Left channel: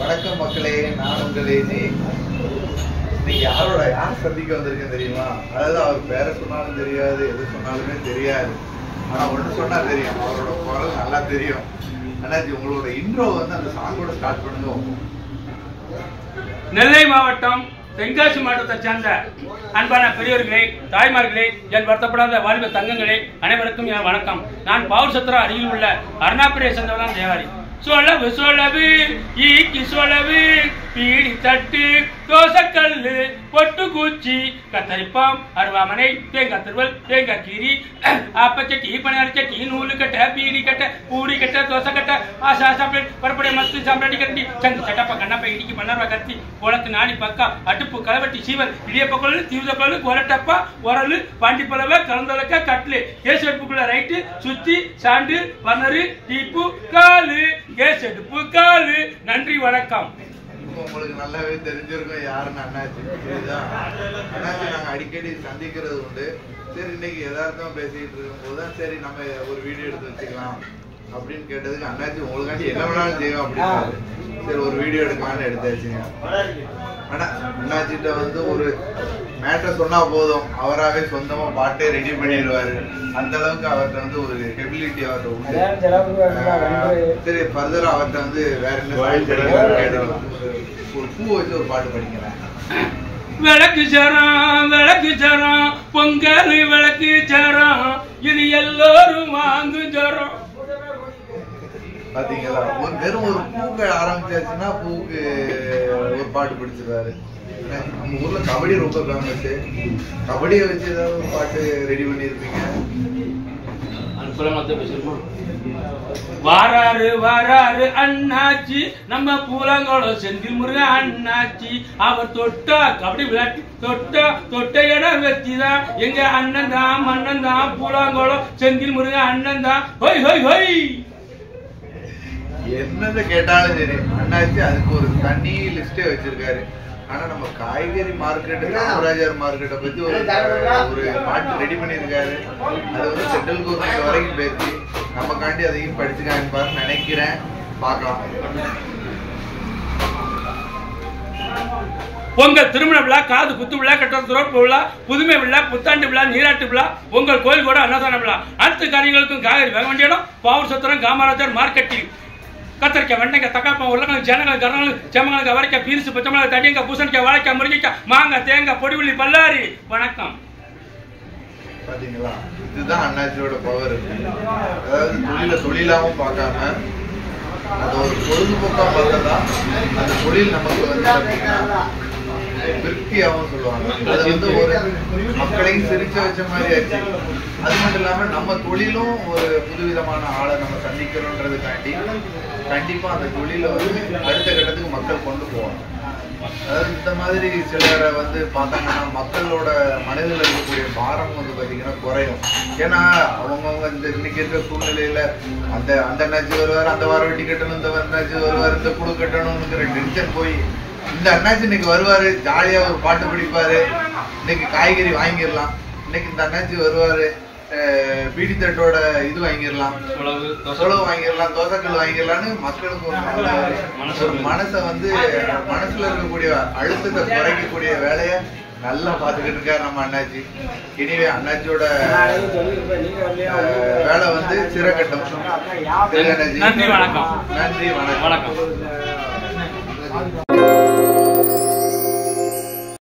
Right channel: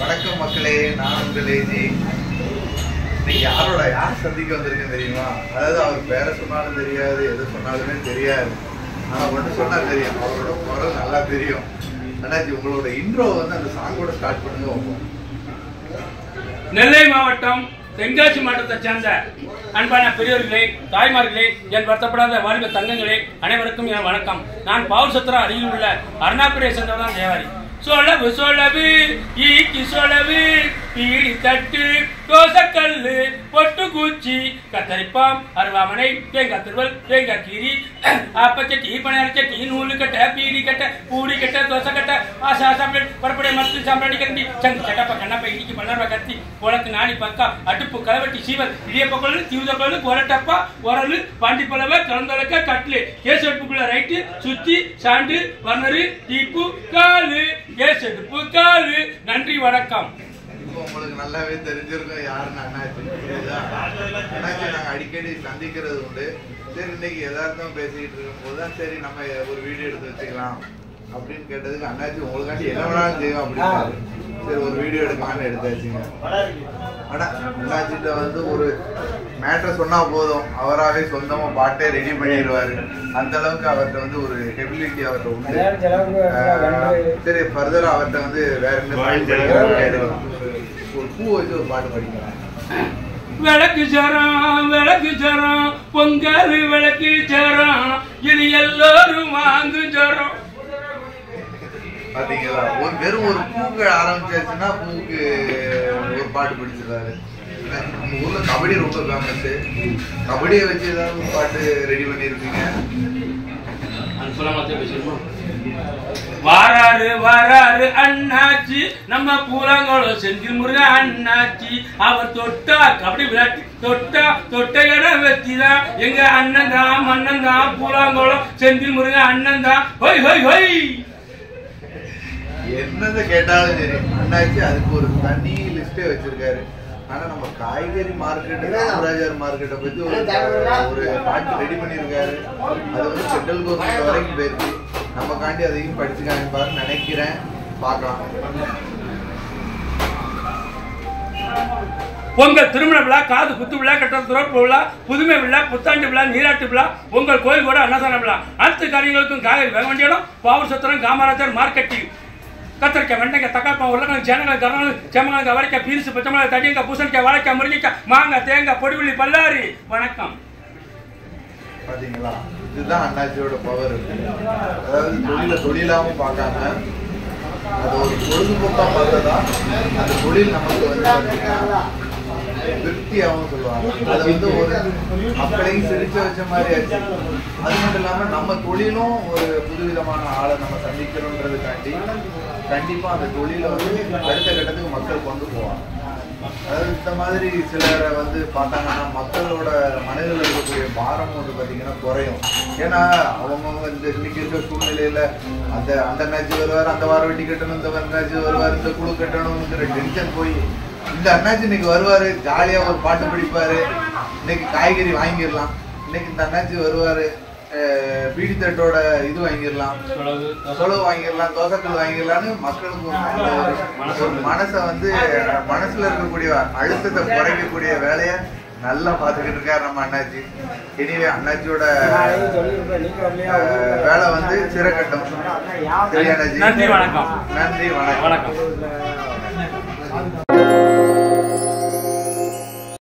வணக்கம் மக்களே, நான் உங்கள் ஏஜி. இன்னைக்கு யார் சந்திக்க வந்திருக்குன்னு தெரியுமா? அதாவது அவர் பேரை சொன்னாலும் தெரியாது, எது சொன்னாலுமே தெரியாது. ஆனால் ஒன்று சொன்னா தெரியும், அவரோட குரல் நல்லா தெரியும். அண்ணாச்சி, உங்களோட இன்ட்ரோ வந்து அந்த சாங்கோட ஸ்டார்ட் பண்ணுங்க. நெல்லை மாவட்டம் தென்காசி மாவட்டத்தை சேர்ந்த அன்பான பெரியவர்களே, தாய்மார்களே, என் வருத்தப்படாத வாலிப தங்கங்களே, அனைவருக்கும் என் வணக்கம். நான் பவுர் சத்திரம் அருகில் உள்ள அருணாபுரியை சேர்ந்தவதான் தேவாரி. சொலவு சொலவு ஈக்கி சொலவு பீடி தட்டு தோசக்கல்லு பொட்டு பூச்சி கத்தரிப்பாம் அருவாமனை தேங்காய் திருவல் தேங்காய் கீரி அப்பச்சட்டி பணியாரச்சட்டி நூலு கட்ட பீடி கட்ட பூடி கட்ட தோசை கட்ட ஆசா சாப்பிட பரப்படைய மத்து சாம்பிராணி கட்டி சங்கு கட்டப்ப கண்ணப்ப இடிக்கு பண்ணாரா கத்தி உலக்கு நாடி பக்கா அடுப்பு கலவட்டி சீவல் இடியப்பக்கொள்ளு தீவுதக்கொள்ளு கொரட்டப்பா உரலு பாண்டி பலவை கலந்தொலக்க கட்லு கேஸ் அடுப்புக்குள்ள ரைட்டு சுத்தி சாண்டு பர்னரு டீப்பு காலு கேஸ் அடுப்பு காலு. நன்றி, வணக்கம். உங்களுக்கு நல்லாவே தெரிஞ்சிருக்கும் யாருன்னு அண்ணாச்சி. அண்ணாச்சி நாங்கள் அடிக்கடி சந்திக்கிறது உண்டு. சரி, இன்னைக்கு எதார்த்தம் பேசிக்கிட்டு இருக்கும்போது தான் சரி நம்ம ஒரு வீடியோ எடுத்து வச்சுக்கலாம் அப்படின்னு கேட்டதுக்கு அண்ணாச்சி உங்களுக்காண்டி என்ன வேணாலும் செய்யும் அப்படின்னு சரி ஒரு வீடியோ எடுக்கலாம்னு எடுத்தாச்சுங்க. ஆனால் அண்ணாச்சிட்ட வந்து ஒரு மேட்டரை சொன்னா போதும், அவராகவே சொந்தமா பாட்டே ரெடி பண்ணிடுவாரு. அந்த அளவுக்கு அவர்கிட்ட வந்து ஒரு எபிலிட்டி அவர்கிட்ட உண்டு. சரி, ஃபர்தரா அவர்கிட்ட வந்து வேற என்ன ஒரு பூ வச்சு ஒரு பாட்டு படிக்கலாம். விளக்கு ஜரம் பொங்கல் விளக்கு ஜரம் இது எல்லோரும் வாங்கு ஜரம். பாத்தீங்களா, ஒரு வெறும் ஒரு பூக்கள் ஆரம்பிச்சாச்சுன்னா பூக்கு ஒரு பாட்டு பிடிச்சிருக்காரு. நம்ம ஊர்ல கபடி ரொம்ப ஃபேமஸ். கபடியை வச்சு ஏதாவது ஒரு பாட்டு ரெடி பண்ணிருக்கீங்க? வாராரு அண்ணாச்சி, நம்ம பூலாங்கோளம் செந்தில் முருகன் அண்ணாச்சி. அவர் தொட்டா கபடி விளையாட்டு தொட்ட இடம் வச்சுதான் எங்க அண்ணன் தான் மன்னன் தான். பூலாங்கோளம் செந்தில் முருகன் அண்ணன் தான். ஹொய் ஹொய் ஹொய். என்னது கேட்டாலும் சரி, அண்ணாச்சி அதுக்கு ஒரு தனி லிஸ்டே வச்சிருக்காரு. ஆனா நம்ம காய்கறி மார்க்கெட், காமராஜர் மார்க்கெட்டை பத்தி ஒரு பாட்டு ரெடி பண்ணியிருக்காரு. அது வந்து சென்ட்ரல் கவர்மெண்ட் வரைக்கும் பேசி நமக்காண்டி அதையும் படிச்சுக்கான்னு நினைக்கிறேன். பார்க்கலாம். பொங்கல் திருமண விழா, காது குத்து விழா, கட்ட துறப்பு விழா, புதுமை விழா, புத்தாண்டு விழா, நீராட்டு விழா, உங்கள் கோயில் கூட அன்னதான விழா, அனைத்து காரியங்களுக்கும் காய்கறி வேக வேண்டிய இடம் பவுர் சத்திரம் காமராஜர் மார்க்கெட்டில். கத்திரிக்காய், வெண்டைக்காய், தக்காளி, உருளைக்கிழங்கு, சேனங்கள், கருணல், செம்மங்காய், அவரைக்காய், பீன்ஸ், பச்சை மிளகாய், தடியங்காய், பூசணிக்காய், வாழைக்காய், முருங்கைக்காய், மாங்காய், தேங்காய், பொடிவுள்ளி, பல்லாரி. வணக்கம். பாத்தீங்களா, இதுதான் அண்ணாச்சியோட பவர். அதாவது தொழிலாவும் பார்க்காம அது ஒரு பொழுதுபோக்கா பார்த்ததா அந்த தொழில் நமக்கு வந்து திருப்தியாகவும் சொல்லுவாங்க. அது வந்து ஒரு மக்களையும் சிரிச்ச வச்ச மாதிரி ஆச்சு. அது மட்டும் இல்லாம நம்ம தொழிலும் ஒரு புதுவிதமான ஆளை நம்ம சந்திக்கணுன்றதுக்காண்டி கண்டிப்பா அந்த தொழிலை வந்து அடுத்த கட்டத்துக்கு மக்கள் கொண்டு போவாங்க. அதாவது இந்த மாதிரி சிலரை வந்து பார்த்தாங்கன்னா மக்களோட மனதில் இருக்கக்கூடிய பாரம் வந்து பார்த்தீங்கன்னா குறையும். ஏன்னா அவங்கவுங்க இந்த இன்னைக்கு இருக்க சூழ்நிலையில அந்த அண்ணாச்சி வருவார், அந்த வாரம் வெட்டி கட்டணும், இந்த அண்ணாச்சி வருவார், இந்த குழு கட்டணும்ங்கிற டென்ஷன் போய் இந்த அண்ணாச்சி இன்னைக்கு வருவாரு, ஜாலியா ஒரு பாட்டு பிடிப்பாரு, இன்னைக்கு காய்கறி வாங்கிடலாம், இன்னைக்கு இந்த அண்ணாச்சி வருவாரு, பீடி தட்டோட இது வாங்கிடலாம், சொலவு வாங்கிடலாம், தோசைக்கல் வாங்கிடலான்னு மக்களுக்கு ஒரு மனசை வந்து மனசுல இருக்கக்கூடிய அழுத்தத்தை குறைக்கக்கூடிய வேலையை நல்லா பார்த்துக்கிட்டு இருக்காரு நம்ம அண்ணாச்சி. இனிவே அண்ணாச்சியோட வேலை வந்து சிறக்கட்டும். நன்றி, வணக்கம். நன்றி, வணக்கம்.